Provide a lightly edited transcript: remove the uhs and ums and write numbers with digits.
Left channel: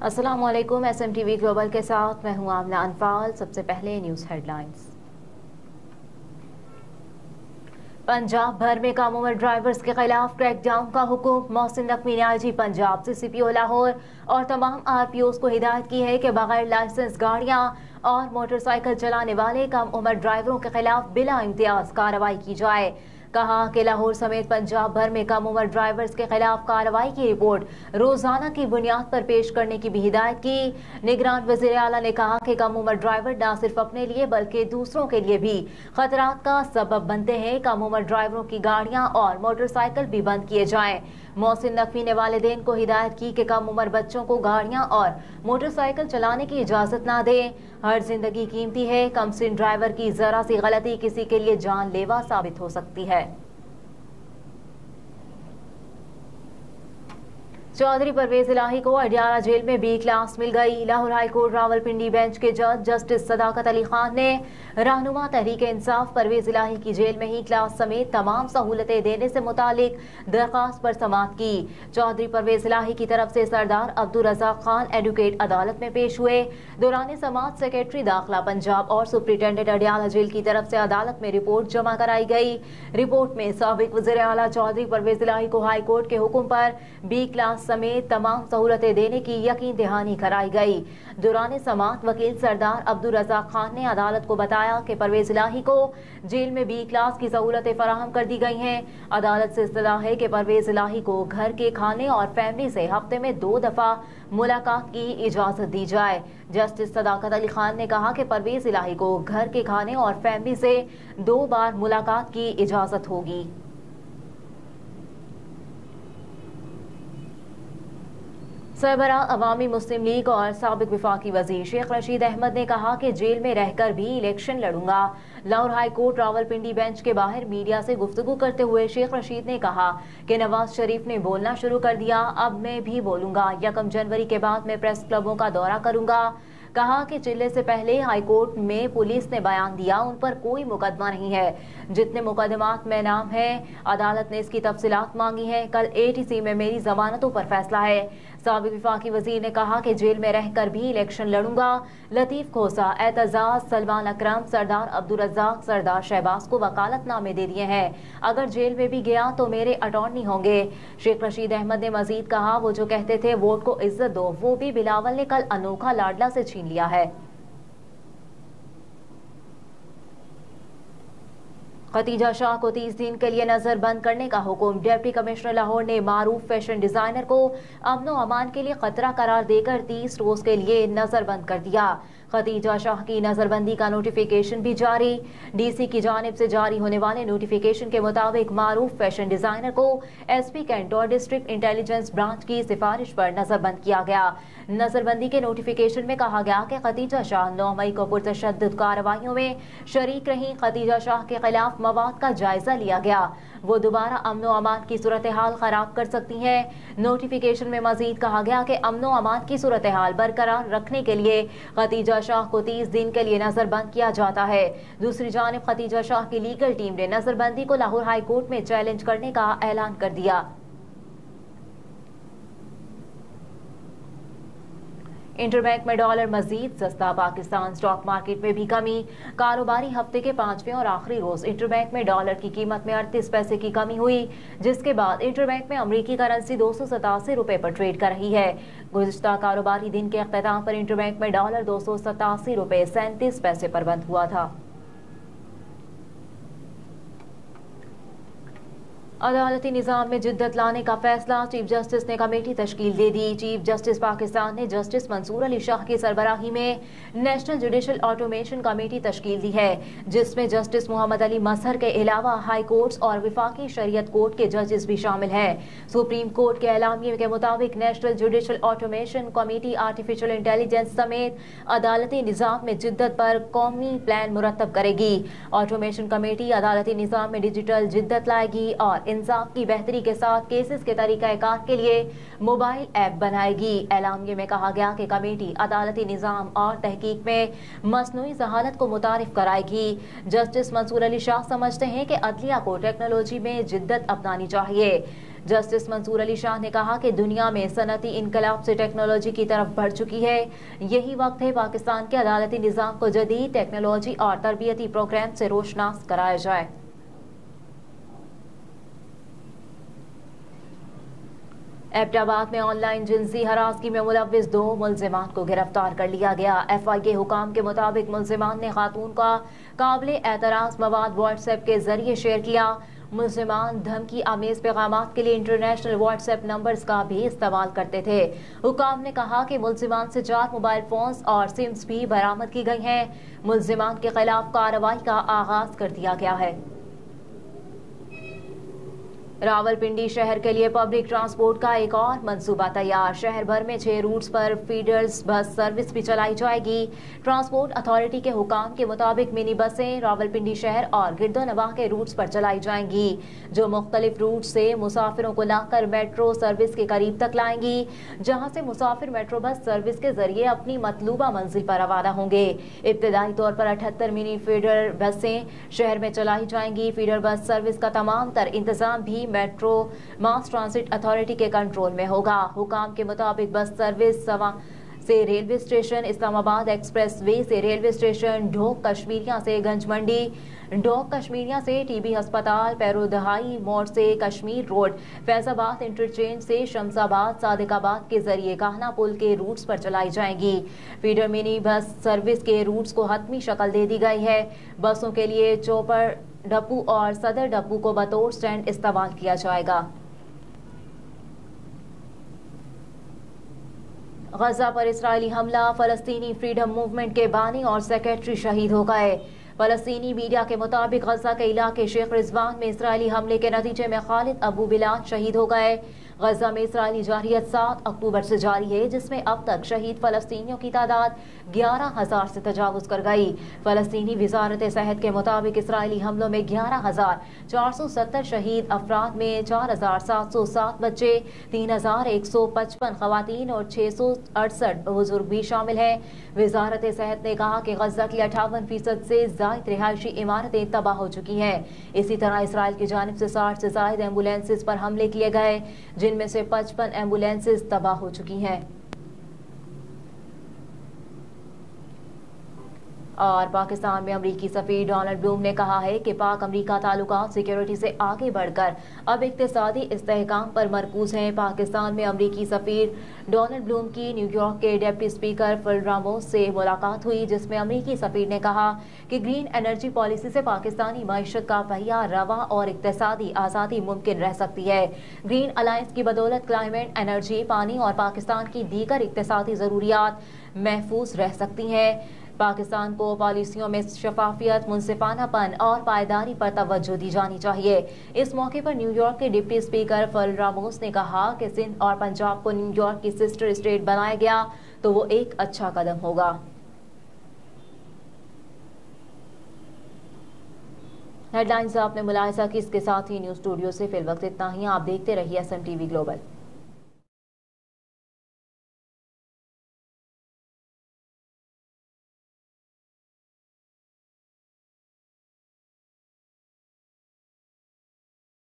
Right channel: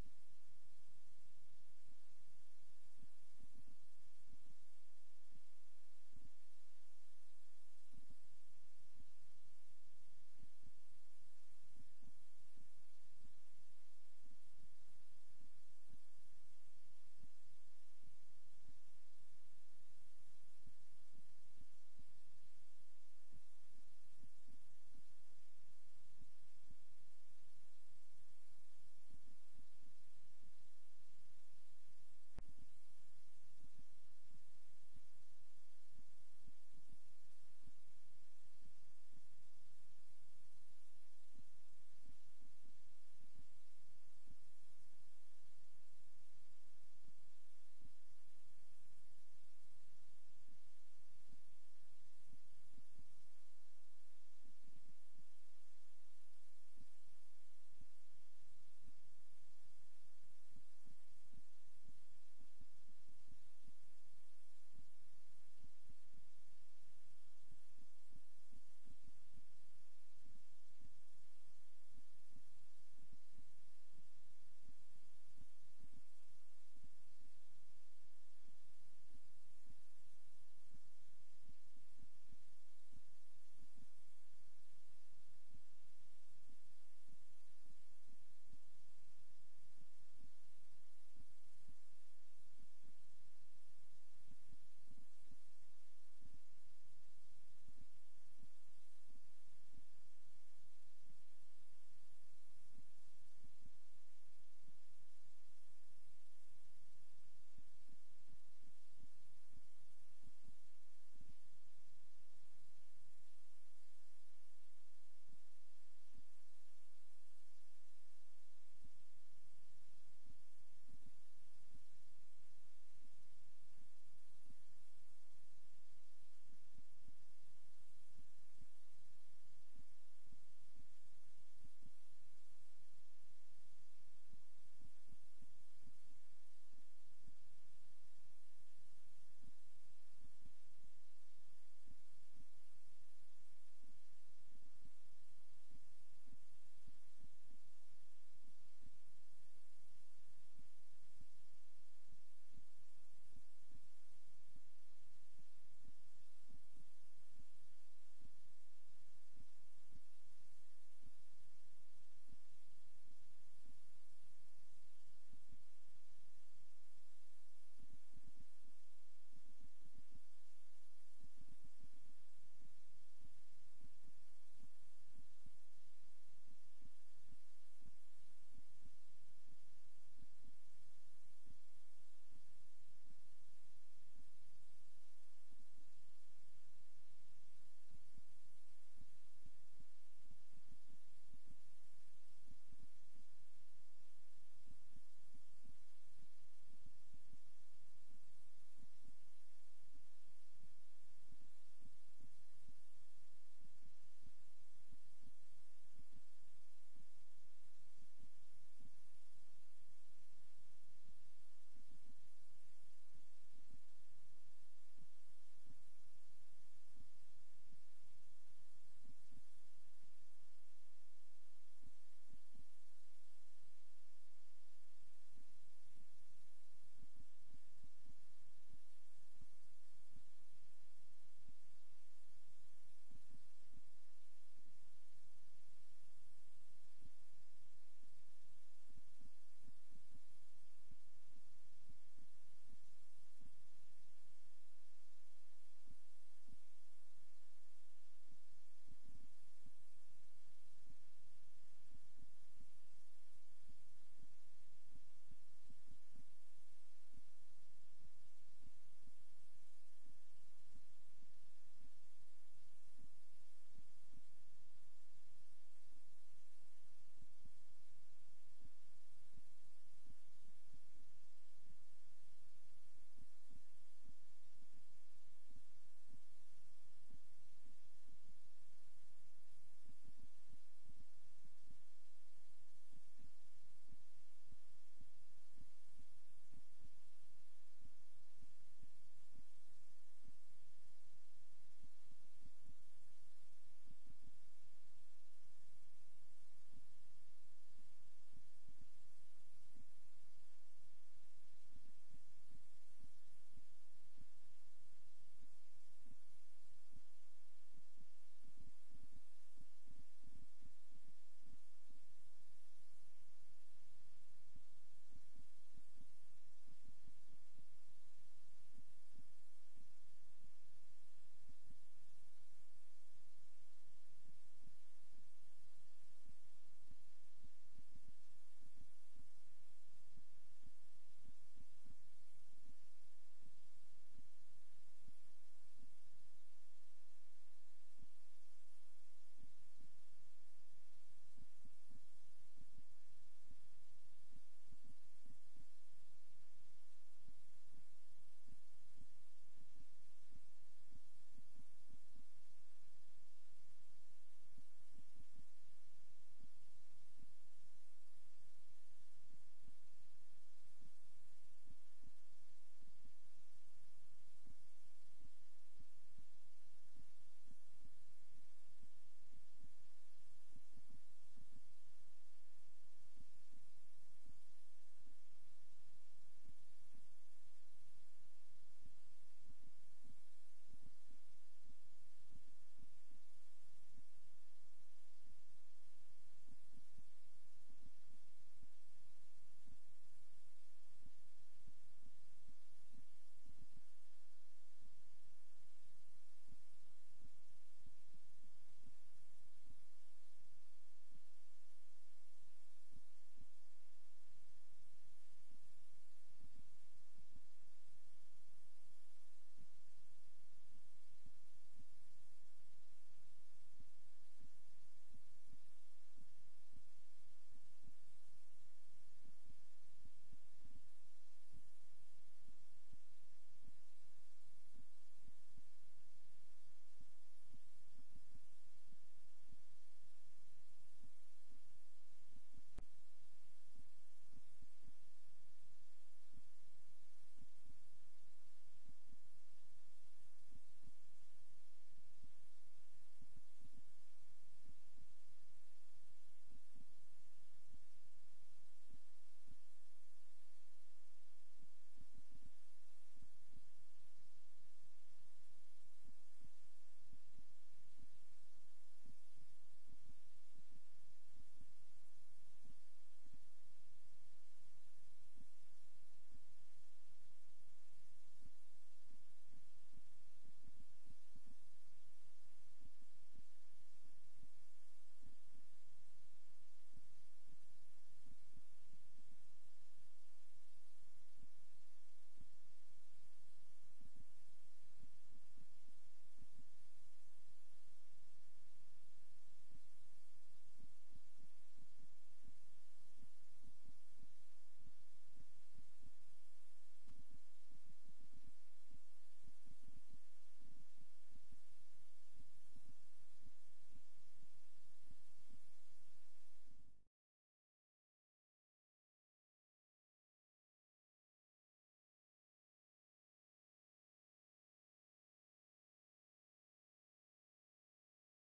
अस्सलाम वालेकुम। SMTV global के साथ मैं हूं आमना अनफाल। सबसे पहले न्यूज़ हेडलाइंस। पंजाब भर में कम उम्र ड्राइवर्स के खिलाफ क्रैकडाउन का हुक्म। मोहसिन नकवी ने IG पंजाब CCPO लाहौर और तमाम RPOs को हिदायत की है कि बगैर लाइसेंस गाड़ियां और मोटरसाइकिल चलाने वाले कम उम्र ड्राइवरों के खिलाफ बिला इम्तियाज कार्रवाई की जाए। कहा कि लाहौर समेत पंजाब भर में कम उम्र ड्राइवर्स के खिलाफ कार्रवाई की रिपोर्ट रोजाना की बुनियाद पर पेश करने की भी हिदायत की। निगरान वज़ीर आला ने कहा कि कम उम्र ड्राइवर न सिर्फ अपने लिए बल्कि दूसरों के लिए भी खतरात का सबब बनते हैं। कम उम्र ड्राइवरों की गाड़ियां और मोटरसाइकिल भी बंद किए जाएं। मोहसिन नकवी ने वालिदैन को हिदायत की कि कम उम्र बच्चों को गाड़ियां और मोटरसाइकिल चलाने की इजाजत ना दें। हर जिंदगी कीमती है। कमसिन ड्राइवर की जरा सी गलती किसी के लिए जानलेवा साबित हो सकती है। चौधरी परवेज इलाही को अडियाला जेल में B क्लास मिल गई। Lahore high court Rawalpindi bench के जज जस्टिस सदाकत अली खान ने रहनुमा तहरीक इंसाफ परवेज इलाही की जेल में ही क्लास समेत तमाम सहूलतें देने से मुतालिक दरखास्त पर समाअत की। चौधरी परवेज इलाही की तरफ से सरदार अब्दुल रज़ाक खान एडवोकेट अदालत में पेश हुए। दौरान समाअत सेक्रेटरी दाखिला पंजाब और सुप्रिंटेंडेंट अडियाला जेल की तरफ से अदालत में रिपोर्ट जमा कराई गई। रिपोर्ट में साबिक वज़ीर आला चौधरी परवेज इलाही को हाई कोर्ट के हुक्म पर B क्लास समेत तमाम सहूलतें देने की यकीन दहानी कराई गई। दौरान समाअत वकील सरदार अब्दुल रज़ाक खान ने अदालत को बताया कि परवेज इलाही को जेल में B क्लास की सहूलतें फराहम कर दी गई हैं। अदालत से इस्तदा है कि परवेज इलाही को घर के खाने और फैमिली से हफ्ते में 2 दफा मुलाकात की इजाजत दी जाए। जस्टिस सदाकत अली खान ने कहा कि परवेज इलाही को घर के खाने और फैमिली से 2 बार मुलाकात की इजाजत होगी। सरबरा अवामी मुस्लिम लीग और साबिक विफाकी वजीर शेख रशीद अहमद ने कहा कि जेल में रहकर भी इलेक्शन लड़ूंगा। Lahore high court Rawalpindi bench के बाहर मीडिया से गुफ्तगू करते हुए शेख रशीद ने कहा कि नवाज शरीफ ने बोलना शुरू कर दिया, अब मैं भी बोलूंगा। 1 जनवरी के बाद मैं प्रेस क्लबों का दौरा करूंगा। कहा कि चिल्ले से पहले हाई कोर्ट में पुलिस ने बयान दिया, उन पर कोई मुकदमा नहीं है। जितने मुकदमात में नाम है अदालत ने इसकी तफसीलात मांगी है। कल ATC में मेरी जमानतों पर फैसला है। साबिक विफाकी वजीर ने कहा कि जेल में रहकर भी इलेक्शन लड़ूंगा। लतीफ खोसा, एतजाज, सलमान अकरम, सरदार अब्दुल रज़ाक, सरदार शहबाज को वकालतनामे दे दिए हैं। अगर जेल में भी गया तो मेरे अटॉर्नी होंगे। शेख रशीद अहमद ने मजीद कहा, वो जो कहते थे वोट को इज्जत दो, वो भी बिलावल ने कल अनोखा लाडला से छीन लिया है। खतीजा शाह को 30 दिन के लिए नजर बंद करने का हुक्म। डिप्टी कमिश्नर लाहौर ने मारूफ फैशन डिजाइनर को अमन व अमान के लिए खतरा करार देकर 30 रोज के लिए नजर बंद कर दिया। खतीजा शाह की नजरबंदी का नोटिफिकेशन भी जारी। DC की जानिब से जारी होने वाले नोटिफिकेशन के मुताबिक मारूफ फैशन डिजाइनर को SP कैंट और डिस्ट्रिक्ट इंटेलिजेंस ब्रांच की सिफारिश पर नजरबंद किया गया। नजरबंदी के नोटिफिकेशन में कहा गया कि खतीजा शाह 9 मई को पुरतशद्दुद कार्रवाइयों में शरीक रही। खतीजा शाह के खिलाफ मवाद का जायजा लिया गया, वो दोबारा अमन व अमान की सूरत हाल खराब कर सकती हैं। नोटिफिकेशन में मजीद कहा गया कि अमन व अमान की सूरत हाल बरकरार रखने के लिए खतीजा शाह को 30 दिन के लिए नजरबंद किया जाता है। दूसरी जानिब खतीजा शाह की लीगल टीम ने नजरबंदी को लाहौर हाई कोर्ट में चैलेंज करने का ऐलान कर दिया। इंटरबैंक में डॉलर मजीद सस्ता। पाकिस्तान स्टॉक मार्केट में भी कमी। कारोबारी हफ्ते के 5वें और आखिरी रोज इंटरबैंक में डॉलर की कीमत में 38 पैसे की कमी हुई, जिसके बाद इंटरबैंक में अमरीकी करेंसी 287 रुपए पर ट्रेड कर रही है। गुज़िश्ता कारोबारी दिन के अख्ताम पर इंटरबैंक में डॉलर 287 रुपए 37 पैसे पर बंद हुआ था। अदालती निज़ाम में जिद्दत लाने का फैसला। चीफ जस्टिस ने कमेटी तश्कील दे दी। चीफ जस्टिस पाकिस्तान ने जस्टिस मंसूर अली शाह की सरबराही में नेशनल जुडिशल ऑटोमेशन कमेटी तश्कील दी है, जिसमें जस्टिस मोहम्मद अली मजहर के अलावा हाई कोर्ट्स और विफाकी शरीयत कोर्ट के जजेस भी शामिल हैं। सुप्रीम कोर्ट के एलामिये के मुताबिक national judicial automation committee artificial intelligence समेत अदालती निज़ाम में जिद्दत पर कौमी प्लान मुरतब करेगी। ऑटोमेशन कमेटी अदालती निज़ाम में डिजिटल जिद्दत लाएगी और इंसाफ की बेहतरी के साथ केसेस के तरीकाकार के लिए मोबाइल ऐप बनाएगी। एलामिये में कहा गया कि कमेटी अदालती निज़ाम और तहकीक में मसनूई जहालत को मुतारिफ कराएगी। जस्टिस मंसूर अली शाह समझते हैं कि अदलिया को टेक्नोलॉजी में जिद्दत अपनानी चाहिए। जस्टिस मंसूर अली शाह ने कहा कि दुनिया में सनती इनकलाब से टेक्नोलॉजी की तरफ बढ़ चुकी है। यही वक्त है पाकिस्तान के अदालती निज़ाम को जदीद टेक्नोलॉजी और तरबियती प्रोग्राम से रोशनास कराया जाए। एबटाबाद में ऑनलाइन जिनसी हरासगी में मुलव्विस 2 मुल्जिमान को गिरफ्तार कर लिया गया। FI के हुकाम के मुताबिक मुल्जिमान ने खातून का काबिल एतराज़ मवाद व्हाट्सएप के जरिए शेयर किया। मुल्जिमान धमकी आमेज पैगामात के लिए इंटरनेशनल व्हाट्सएप नंबर्स का भी इस्तेमाल करते थे। हुकाम ने कहा कि मुल्जिमान से 4 मोबाइल फोन्स और सिम्स भी बरामद की गई हैं। मुल्जिमान के खिलाफ कार्रवाई का आगाज कर दिया गया है। रावलपिंडी शहर के लिए पब्लिक ट्रांसपोर्ट का एक और मंसूबा तैयार। शहर भर में 6 रूट्स पर फीडर्स बस सर्विस भी चलाई जाएगी। ट्रांसपोर्ट अथॉरिटी के हुकाम के मुताबिक मिनी बसें रावलपिंडी शहर और गिरदोनवाह के रूट्स पर चलाई जाएंगी, जो मुख्तलिफ रूट से मुसाफिरों को लाकर मेट्रो सर्विस के करीब तक लाएंगी, जहां से मुसाफिर मेट्रो बस सर्विस के जरिए अपनी मतलूबा मंजिल पर रवाना होंगे। इब्तदाई तौर पर 78 मिनी फीडर बसें शहर में चलाई जाएंगी। फीडर बस सर्विस का तमाम तर इंतजाम भी मेट्रो मास ट्रांसिट अथॉरिटी के कंट्रोल में होगा। हुकाम के मुताबिक बस सर्विस से railway station, Islamabad express way से रेलवे स्टेशन, ढोक कश्मीरिया से गंज मंडी, ढोक कश्मीरिया से TB अस्पताल, पैरोदहाई मोड़ से कश्मीर रोड, फैजाबाद इंटरचेंज से शमसाबाद, सादिकाबाद के जरिए काहना पुल के रूट्स पर चलाई जाएंगी। फीडर मिनी बस सर्विस के रूट्स को हतमी शक्ल दे दी गई है। बसों के लिए चौपर डप्पू और सदर डप्पू को बतौर स्टैंड इस्तेमाल किया जाएगा। गजा पर इस्राइली हमला, फलस्तीनी फ्रीडम मूवमेंट के बानी और सेक्रेटरी शहीद हो गए। फलस्तीनी मीडिया के मुताबिक गजा के इलाके शेख रिजवान में इस्राइली हमले के नतीजे में खालिद अबू बिलाल शहीद हो गए। गजा में इस्राइली जारहियत 7 अक्टूबर से जारी है, जिसमें अब तक शहीद फलस्तीनियों की तादाद 11,000 से तजावुज कर गई। फलस्तीनी वजारत सेहत के मुताबिक इस्राइली हमलों में 11,470 शहीद अफराद में 4,707 बच्चे, 3,155 खवातीन और 668 बुजुर्ग भी शामिल हैं। वजारत सेहत ने कहा कि गजा की 58% से जायद रिहायशी इमारतें तबाह हो चुकी हैं। इसी तरह इसराइल की जानिब से 60 से जायद एम्बुलेंसेज पर हमले किए गए, जिनमें से 55 एम्बुलेंसेज तबाह हो चुकी हैं। और पाकिस्तान में अमरीकी सफीर डोनाल्ड ब्लूम ने कहा है कि पाक अमरीका ताल्लुकात सिक्योरिटी से आगे बढ़कर अब इक्तिसादी इस्तेहकाम पर मरकूज हैं। पाकिस्तान में अमरीकी सफीर डोनाल्ड ब्लूम की न्यूयॉर्क के डिप्टी स्पीकर फिल रामोस से मुलाकात हुई, जिसमें अमरीकी सफीर ने कहा कि ग्रीन एनर्जी पॉलिसी से पाकिस्तानी मईशत का पहिया रवा और इक्तिसादी आज़ादी मुमकिन रह सकती है। ग्रीन अलायंस की बदौलत क्लाइमेट, एनर्जी, पानी और पाकिस्तान की दीगर इक्तिसादी ज़रूरियात महफूज रह सकती हैं। पाकिस्तान को पॉलिसियों में शफाफियत, मुनसिफानापन और पायदारी पर तवज्जो दी जानी चाहिए। इस मौके पर न्यूयॉर्क के डिप्टी स्पीकर फिल रामोस ने कहा कि सिंध और पंजाब को न्यूयॉर्क की सिस्टर स्टेट बनाया गया तो वो एक अच्छा कदम होगा। हेडलाइंस आपने मुलाहिजा की, इसके साथ ही न्यूज़ स्टूडियो से फिल वक्त इतना ही। आप देखते रहिए SM TV ग्लोबल।